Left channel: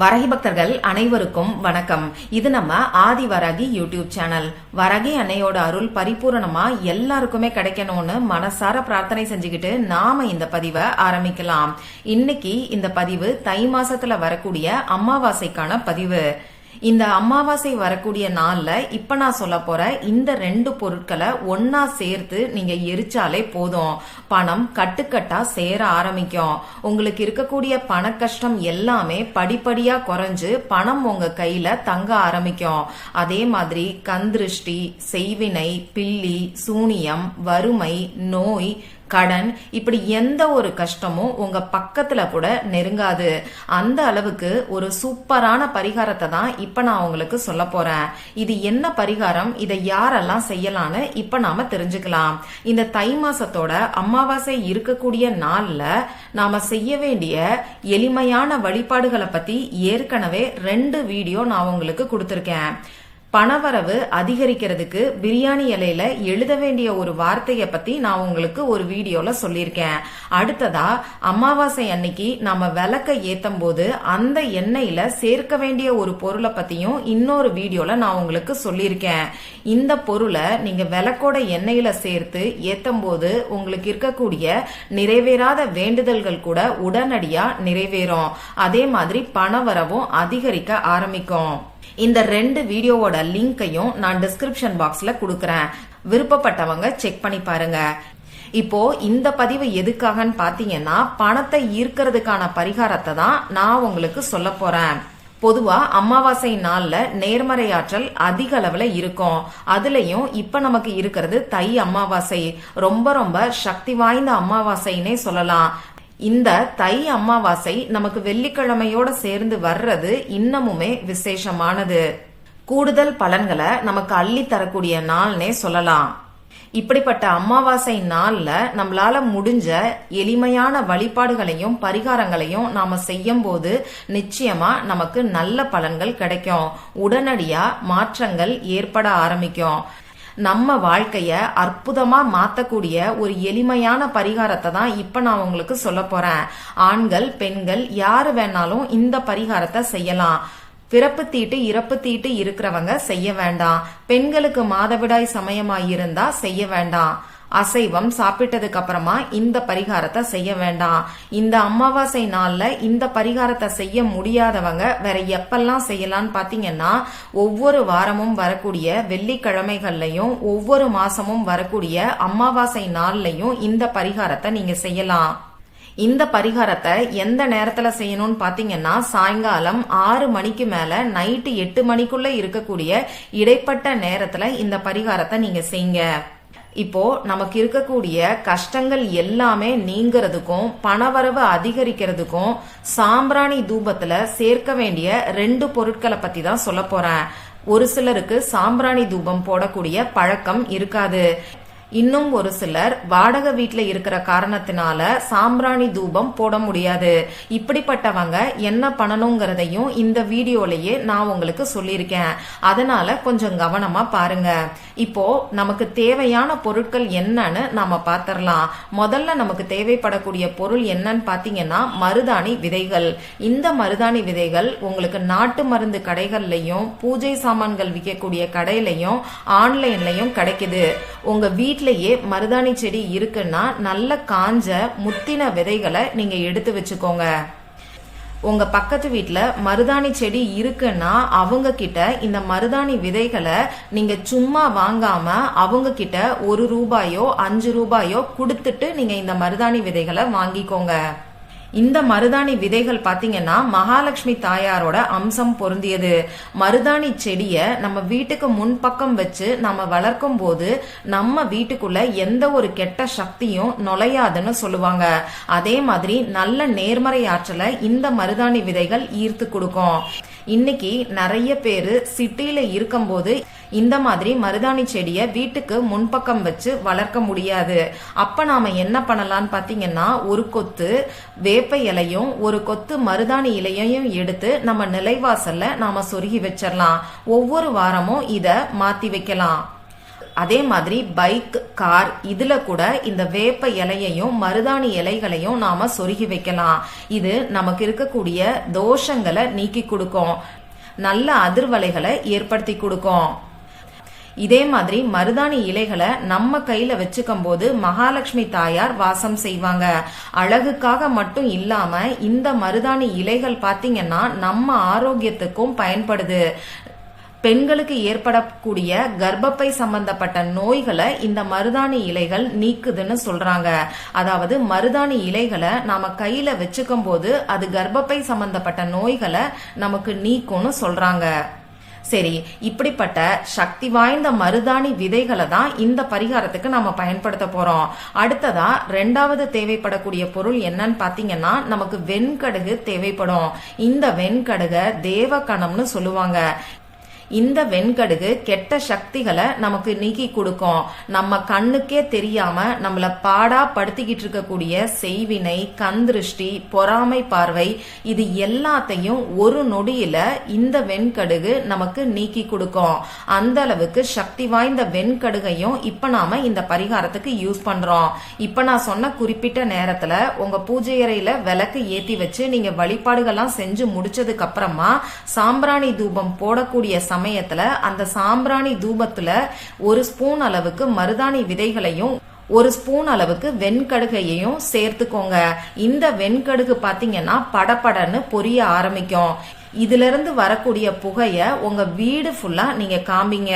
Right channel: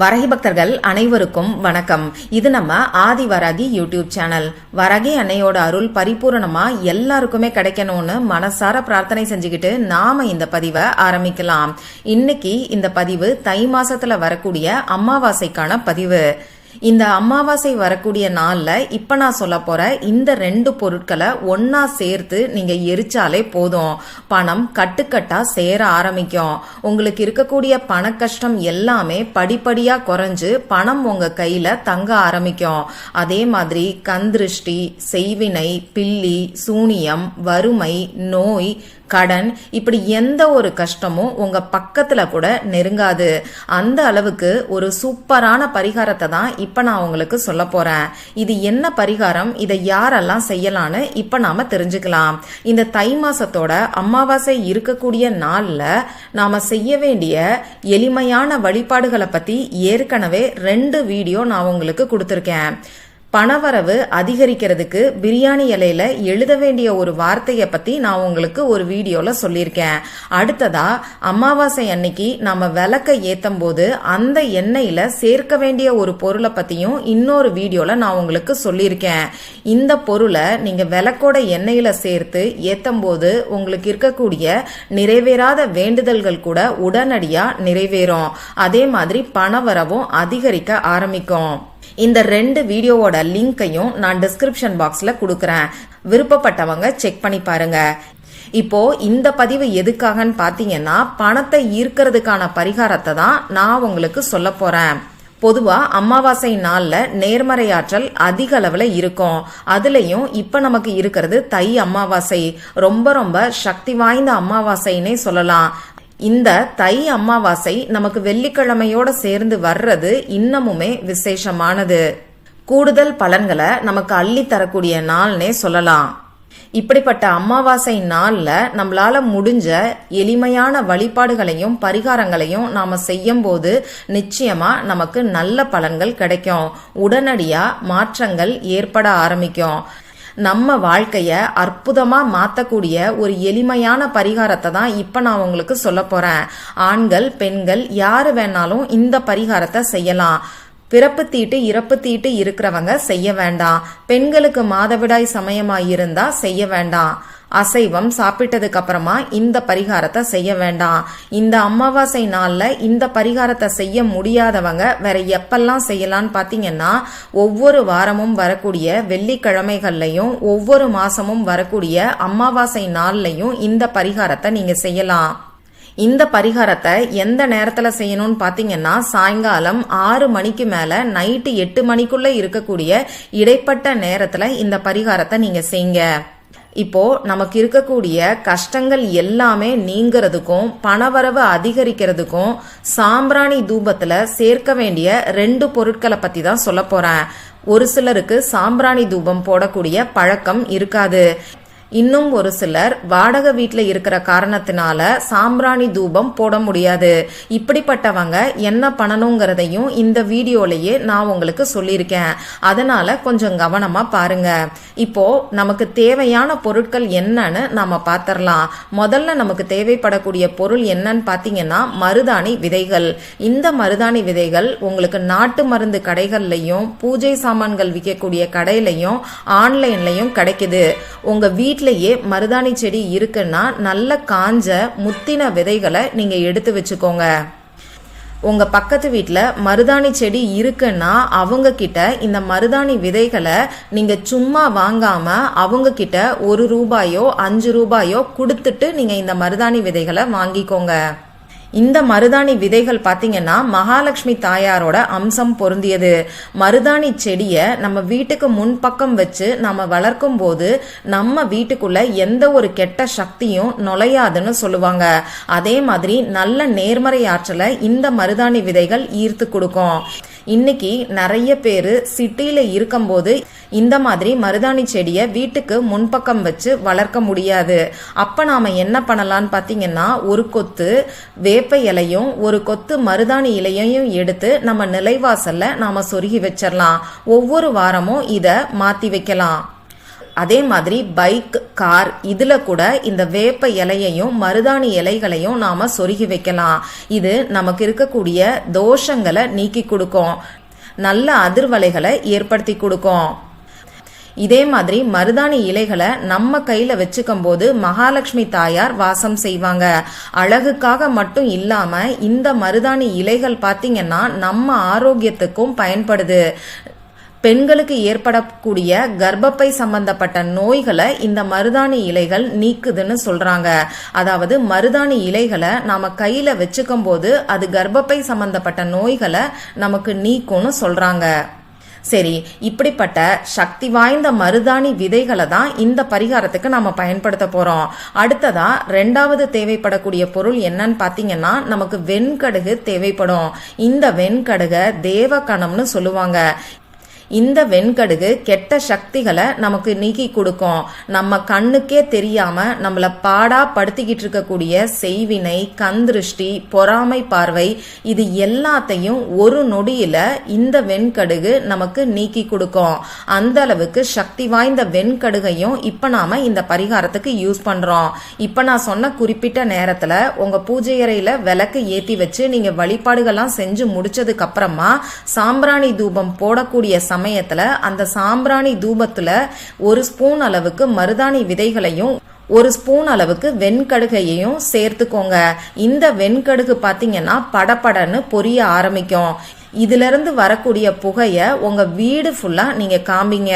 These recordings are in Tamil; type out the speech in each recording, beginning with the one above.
வரகி பக்தர்கள் அனைவருக்கும் வணக்கம். இது நம்ம ஆதி வரகி யூடியூப் சேனல். வரகி அன்னையோட அருள் பரிபூரணமா எல்லாருக்குமே கிடைக்கணும்னு மனசார பிரார்த்தனை செஞ்சுக்கிட்டு நாம இந்த பதிவை ஆரம்பிக்கலாம். இன்னைக்கு இந்த பதிவு தை மாசத்துல வரக்கூடிய அமாவாசைக்கான பதிவு. இந்த அமாவாசை வரக்கூடிய நாளில் இப்போ நான் சொல்ல போற இந்த ரெண்டு பொருட்களை ஒன்னா சேர்த்து நீங்க எரிச்சாலே போதும். பணம் கட்டுக்கட்டா சேர ஆரம்பிக்கும். உங்களுக்கு இருக்கக்கூடிய பண கஷ்டம் எல்லாமே படிப்படியா குறைஞ்சு பணம் உங்க கையில தங்க ஆரம்பிக்கும். அதே மாதிரி கந்திருஷ்டி செய்வினை பில்லி சூனியம் வறுமை நோய் கடன் இப்படி எந்த ஒரு கஷ்டமும் உங்க பக்கத்துல கூட நெருங்காது. அந்த அளவுக்கு ஒரு சூப்பரான பரிகாரத்தை தான் இப்ப நான் உங்களுக்கு சொல்ல போறேன். இது என்ன பரிகாரம்? இதை யாரெல்லாம் செய்யலாம்னு இப்ப நாம தெரிஞ்சுக்கலாம். இந்த தை மாசத்தோட அமாவாசை இருக்கக்கூடிய நாள்ல நாம செய்ய வேண்டிய எளிமையான வழிபாடுகளை பத்தி ஏற்கனவே ரெண்டு வீடியோ நான் உங்களுக்கு கொடுத்துருக்கேன். பணவரவு அதிகரிக்கிறதுக்கு பிரியாணி இலையில எழுத வேண்டிய ஒரு வார்த்தையை பத்தி நான் உங்களுக்கு ஒரு வீடியோல சொல்லியிருக்கேன். அடுத்ததா அமாவாசை அன்னைக்கு நம்ம விளக்க ஏத்தும் போது அந்த எண்ணெயில சேர்க்க வேண்டிய ஒரு பொருளை பத்தியும் இன்னொரு வீடியோல நான் உங்களுக்கு சொல்லியிருக்கேன். இந்த பொருளை நீங்க விளக்கோட எண்ணெயில சேர்த்து ஏத்தும் போது உங்களுக்கு இருக்கக்கூடிய நிறைவேறாத வேண்டுதல்கள் கூட உடனடியா நிறைவேறும். அதே மாதிரி பணவரவும் அதிகரிக்க ஆரம்பிக்கும். இந்த ரெண்டு வீடியோவோட லிங்கையும் நான் டிஸ்கிரிப்ஷன் பாக்ஸ்ல கொடுக்கறேன். விருப்பப்பட்டவங்க செக் பண்ணி பாருங்க. இப்போ இந்த பதிவு எதுக்காகன்னு பாத்தீங்கன்னா பணத்தை ஈர்க்கிறதுக்கான பரிகாரத்தை தான் நான் உங்களுக்கு சொல்ல போறேன். பொதுவா அமாவாசை நாள்ல நேர்மறை ஆற்றல் அதிக அளவுல இருக்கும். அதுலயும் இப்ப நமக்கு இருக்கிறது தை அமாவாசை. ரொம்ப ரொம்ப சக்தி வாய்ந்த அமாவாசைன்னே சொல்லலாம். இந்த தை அமாவாசை நமக்கு வெள்ளிக்கிழமையோட சேர்ந்து வர்றது இன்னமுமே விசேஷமானது. கூடுதல் பலன்களை நமக்கு அள்ளி தரக்கூடிய நாள்னே சொல்லலாம். இப்படிப்பட்ட அமாவாசை நாள்ல நம்மளால முடிஞ்ச எளிமையான வழிபாடுகளையும் பரிகாரங்களையும் நாம செய்யும் போது நிச்சயமா நமக்கு நல்ல பலன்கள் கிடைக்கும். உடனடியா மாற்றங்கள் ஏற்பட ஆரம்பிக்கும். நம்ம வாழ்க்கைய அற்புதமா மாத்தக்கூடிய ஒரு எளிமையான பரிகாரத்தை தான் இப்ப நான் உங்களுக்கு சொல்ல போறேன். ஆண்கள் பெண்கள் யாரு வேணாலும் இந்த பரிகாரத்தை செய்யலாம். பிறப்பு தீட்டு இறப்பு தீட்டு இருக்கிறவங்க செய்ய வேண்டாம். பெண்களுக்கு மாதவிடாய் சமயமாயிருந்தா செய்ய வேண்டாம். அசைவம் சாப்பிட்டதுக்கு அப்புறமா இந்த பரிகாரத்தை செய்ய வேண்டாம். இந்த அமாவாசை நாள்ல இந்த பரிகாரத்தை செய்ய முடியாதவங்க வேற எப்பெல்லாம் செய்யலாம்னு பாத்தீங்கன்னா ஒவ்வொரு வாரமும் வரக்கூடிய வெள்ளிக்கிழமைகள்லயும் ஒவ்வொரு மாசமும் வரக்கூடிய அமாவாசை நாள்லயும் இந்த பரிகாரத்தை நீங்க செய்யலாம். இந்த பரிகாரத்தை எந்த நேரத்துல செய்யணும்னு பாத்தீங்கன்னா சாயங்காலம் ஆறு மணிக்கு மேல நைட்டு எட்டு மணிக்குள்ள இருக்கக்கூடிய இடைப்பட்ட நேரத்துல இந்த பரிகாரத்தை நீங்க செய்யுங்க. இப்போ நமக்கு இருக்கக்கூடிய கஷ்டங்கள் எல்லாமே நீங்கிறதுக்கும் பணவரவு அதிகரிக்கிறதுக்கும் சாம்பிராணி தூபத்துல சேர்க்க வேண்டிய ரெண்டு பொருட்களை பத்தி தான் சொல்ல போறேன். ஒரு சிலருக்கு சாம்பிராணி தூபம் போடக்கூடிய பழக்கம் இருக்காது. இன்னும் ஒரு சிலர் வாடகை வீட்டில் இருக்கிற காரணத்தினால சாம்பிராணி தூபம் போட முடியாது. இப்படிப்பட்டவங்க என்ன பண்ணணுங்கிறதையும் இந்த வீடியோலயே நான் உங்களுக்கு சொல்லியிருக்கேன். அதனால கொஞ்சம் கவனமா பாருங்க. இப்போ நமக்கு தேவையான பொருட்கள் என்னன்னு நாம பாத்திரலாம். முதல்ல நமக்கு தேவைப்படக்கூடிய பொருள் என்னன்னு பாத்தீங்கன்னா மருதாணி விதைகள். இந்த மருதாணி விதைகள் உங்களுக்கு நாட்டு மருந்து கடைகள்லயும் பூஜை சாமான்கள் விற்கக்கூடிய கடையிலையும் ஆன்லைன்லயும் கிடைக்குது. உங்க வீட்டு வீட்லயே மருதாணி செடி இருக்குன்னா நல்ல காஞ்ச முத்தின விதைகளை நீங்க எடுத்து வச்சுக்கோங்க. உங்க பக்கத்து வீட்டில் மருதாணி செடி இருக்குன்னா அவங்க கிட்ட இந்த மருதாணி விதைகளை நீங்க சும்மா வாங்காம அவங்க கிட்ட ஒரு ரூபாயோ அஞ்சு ரூபாயோ கொடுத்துட்டு நீங்க இந்த மருதாணி விதைகளை வாங்கிக்கோங்க. இந்த மருதாணி விதைகள் பாத்தீங்கன்னா மகாலட்சுமி தாயாரோட அம்சம் பொருந்தியது. மருதாணி செடிய நம்ம வீட்டுக்கு முன்பக்கம் வச்சு நம்ம வளர்க்கும் போது நம்ம வீட்டுக்குள்ள எந்த ஒரு கெட்ட சக்தியும் நுழையாதுன்னு சொல்லுவாங்க. அதே மாதிரி நல்ல நேர்மறை ஆற்றலை இந்த மருதாணி விதைகள் ஈர்த்து கொடுக்கும். இன்னைக்கு நிறைய பேர் சிட்டியில இருக்கும்போது இந்த மாதிரி மருதாணி செடியை வீட்டுக்கு முன்பக்கம் வச்சு வளர்க்க முடியாது. அப்ப நாம என்ன பண்ணலாம்னு பாத்தீங்கன்னா ஒரு கொத்து வேப்ப இலையும் ஒரு கொத்து மருதாணி இலையையும் எடுத்து நம்ம நிலைவாசல்ல நாம சொருகி வச்சிடலாம் ஒவ்வொரு வாரமும் இத மாத்தி வைக்கலாம். அதே மாதிரி பைக் கார் இதுல கூட இந்த வேப்ப இலையையும் மருதாணி இலைகளையும் நாம சொருகி வைக்கலாம். இது நமக்கு இருக்கக்கூடிய தோஷங்களை நீக்கி கொடுக்கும். நல்ல அதிர்வலைகளை ஏற்படுத்தி கொடுக்கும். இதே மாதிரி மருதாணி இலைகளை நம்ம கையில வச்சுக்கும் போது மகாலட்சுமி தாயார் வாசம் செய்வாங்க. அழகுக்காக மட்டும் இல்லாம இந்த மருதாணி இலைகள் பாத்தீங்கன்னா நம்ம ஆரோக்கியத்துக்கும் பயன்படுது. பெண்களுக்கு ஏற்படக்கூடிய கர்ப்பப்பை சம்பந்தப்பட்ட நோய்களை இந்த மருதாணி இலைகள் நீக்குதுன்னு சொல்றாங்க. அதாவது மருதாணி இலைகளை நாம கையில வச்சுக்கும் போது அது கர்ப்பப்பை சம்பந்தப்பட்ட நோய்களை நமக்கு நீக்கும்னு சொல்றாங்க. சரி இப்படிப்பட்ட சக்தி வாய்ந்த மருதாணி விதைகளை தான் இந்த பரிகாரத்துக்கு நம்ம பயன்படுத்த போறோம். அடுத்ததா ரெண்டாவது தேவைப்படக்கூடிய பொருள் என்னன்னு பாத்தீங்கன்னா நமக்கு வெண்கடுகு தேவைப்படும். இந்த வெண்கடுக தேவகணம்னு சொல்லுவாங்க. இந்த வெண்கடுகு கெட்ட சக்திகளை நமக்கு நீக்கி கொடுக்கும். நம்ம கண்ணுக்கே தெரியாம நம்மள பாடா படுத்திக்கிட்டு இருக்கக்கூடிய செய்வினை கந்திருஷ்டி பொறாமை பார்வை இது எல்லாத்தையும் ஒரு நொடியில இந்த வெண்கடுகு நமக்கு நீக்கி கொடுக்கும். அந்த அளவுக்கு சக்தி வாய்ந்த வெண்கடுகையும் இப்ப நாம இந்த பரிகாரத்துக்கு யூஸ் பண்றோம். இப்ப நான் சொன்ன குறிப்பிட்ட நேரத்துல உங்க பூஜை அறையில விளக்கு ஏத்தி வச்சு நீங்க வழிபாடுகள்லாம் செஞ்சு முடிச்சதுக்கு அப்புறமா சாம்பிராணி தூபம் போடக்கூடிய சமயத்துல அந்த சாம்பிராணி தூபத்துல ஒரு ஸ்பூன் அளவுக்கு மருதாணி விதைகளையும் ஒரு ஸ்பூன் அளவுக்கு வெண்கடுகையையும் சேர்த்துக்கோங்க. இந்த வெண்கடுகு பாத்தீங்கன்னா படப்படன்னு பொரிய ஆரம்பிக்கும். இதுல இருந்து வரக்கூடிய புகைய உங்க வீடு ஃபுல்லா நீங்க காமிங்க.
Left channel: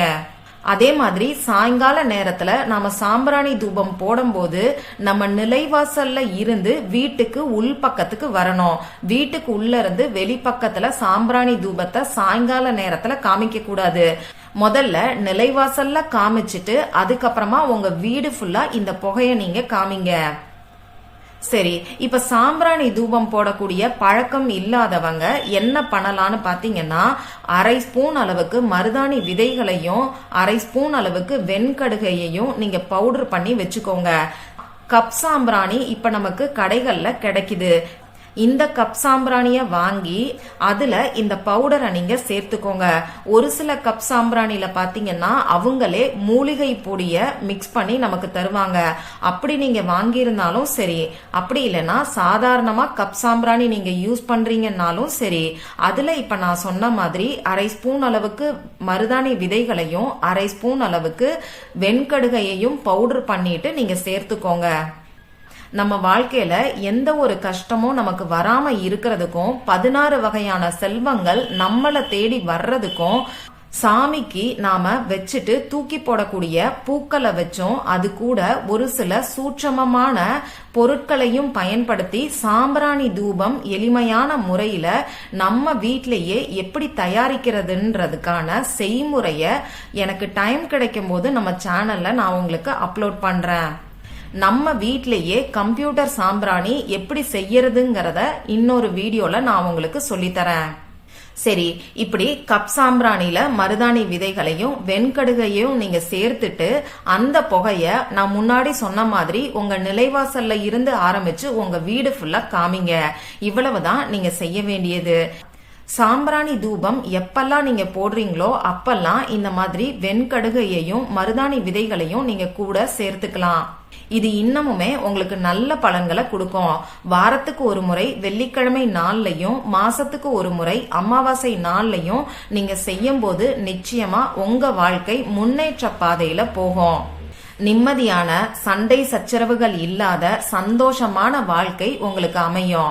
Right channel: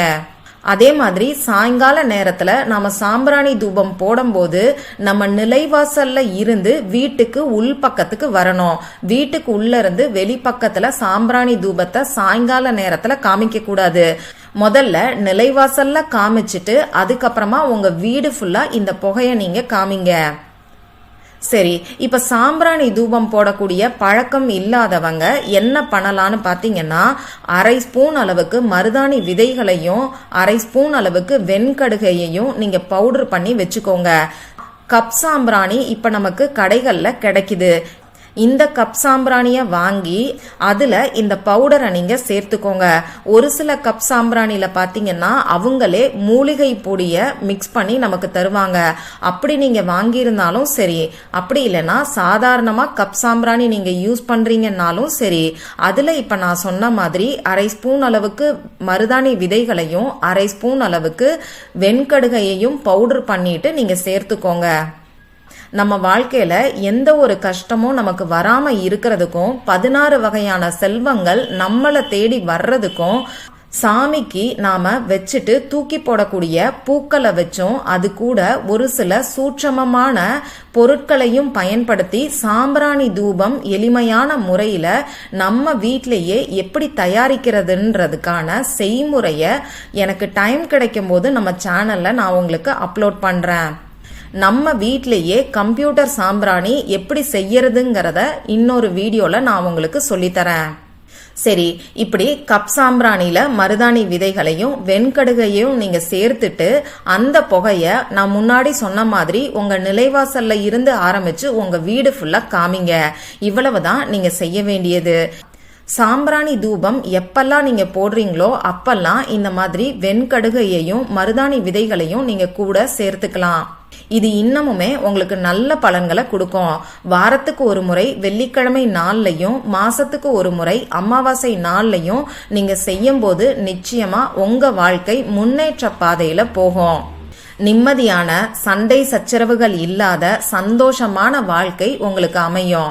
அதே மாதிரி சாயங்கால நேரத்துல நாம சாம்பிராணி தூபம் போடும்போது நம்ம நிலைவாசல்ல இருந்து வீட்டுக்கு உள் பக்கத்துக்கு வரணும். வீட்டுக்கு உள்ள இருந்து வெளிப்பக்கத்துல சாம்பிராணி தூபத்தை சாயங்கால நேரத்துல காமிக்க கூடாது. முதல்ல நிலைவாசல்ல காமிச்சிட்டு அதுக்கப்புறமா உங்க வீடு ஃபுல்லா இந்த புகையை நீங்க காமிங்க. சரி இப்ப சாம்பிராணி தூபம் போடக்கூடிய பழக்கம் இல்லாதவங்க என்ன பண்ணலான்னு பாத்தீங்கன்னா அரை ஸ்பூன் அளவுக்கு மருதாணி விதைகளையும் அரை ஸ்பூன் அளவுக்கு வெண்கடுகையையும் நீங்க பவுடர் பண்ணி வச்சுக்கோங்க. கப் சாம்பிராணி இப்ப நமக்கு கடைகள்ல கிடைக்குது. இந்த கப் சாம்பிராணியை வாங்கி அதுல இந்த பவுடரை நீங்க சேர்த்துக்கோங்க. ஒரு சில கப் சாம்பிராணியில் பாத்தீங்கன்னா அவங்களே மூலிகை பொடிய மிக்ஸ் பண்ணி நமக்கு தருவாங்க. அப்படி நீங்க வாங்கியிருந்தாலும் சரி அப்படி இல்லைன்னா சாதாரணமா கப் சாம்பிராணி நீங்க யூஸ் பண்றீங்கன்னாலும் சரி அதுல இப்ப நான் சொன்ன மாதிரி அரை ஸ்பூன் அளவுக்கு மருதாணி விதைகளையும் அரை ஸ்பூன் அளவுக்கு வெண்கடுகையையும் பவுடர் பண்ணிட்டு நீங்க சேர்த்துக்கோங்க. நம்ம வாழ்க்கையில எந்த ஒரு கஷ்டமும் நமக்கு வராம இருக்கிறதுக்கும் பதினாறு வகையான செல்வங்கள் நம்மளை தேடி வர்றதுக்கும் சாமிக்கு நாம வச்சுட்டு தூக்கி போடக்கூடிய பூக்களை வச்சும் அது கூட ஒரு சில சூட்சமமான பொருட்களையும் பயன்படுத்தி சாம்பிராணி தூபம் எளிமையான முறையில நம்ம வீட்டிலேயே எப்படி தயாரிக்கிறதுன்றதுக்கான செய்முறைய எனக்கு டைம் கிடைக்கும் போது நம்ம சேனல்ல நான் உங்களுக்கு அப்லோட் பண்றேன். நம்ம வீட்லயே கம்ப்யூட்டர் சாம்பிராணி எப்படி செய்யறதுங்கிறத இன்னொரு வீடியோல நான் உங்களுக்கு சொல்லித்தரேன். சரி இப்படி கப் சாம்பிராணியில மருதாணி விதைகளையும் வெண்கடுகையும் நீங்க சேர்த்துட்டு அந்த புகைய நான் முன்னாடி சொன்ன மாதிரி உங்க நிலைவாசல்ல இருந்து ஆரம்பிச்சு உங்க வீடு ஃபுல்லா காமிங்க. இவ்வளவுதான் நீங்க செய்ய வேண்டியது. சாம்பிராணி தூபம் எப்பெல்லாம் நீங்க போடுறீங்களோ அப்பெல்லாம் இந்த மாதிரி வெண்கடுகையையும் மருதாணி விதைகளையும் நீங்க கூட சேர்த்துக்கலாம். இது இன்னமுமே உங்களுக்கு நல்ல பலன்களை கொடுக்கும். வாரத்துக்கு ஒரு முறை வெள்ளிக்கிழமை நாள்லையும் மாசத்துக்கு ஒரு முறை அமாவாசை நாள்லையும் நீங்க செய்யும் போது நிச்சயமா உங்க வாழ்க்கை முன்னேற்ற பாதையில போகும். நிம்மதியான சண்டை சச்சரவுகள் இல்லாத சந்தோஷமான வாழ்க்கை உங்களுக்கு அமையும்.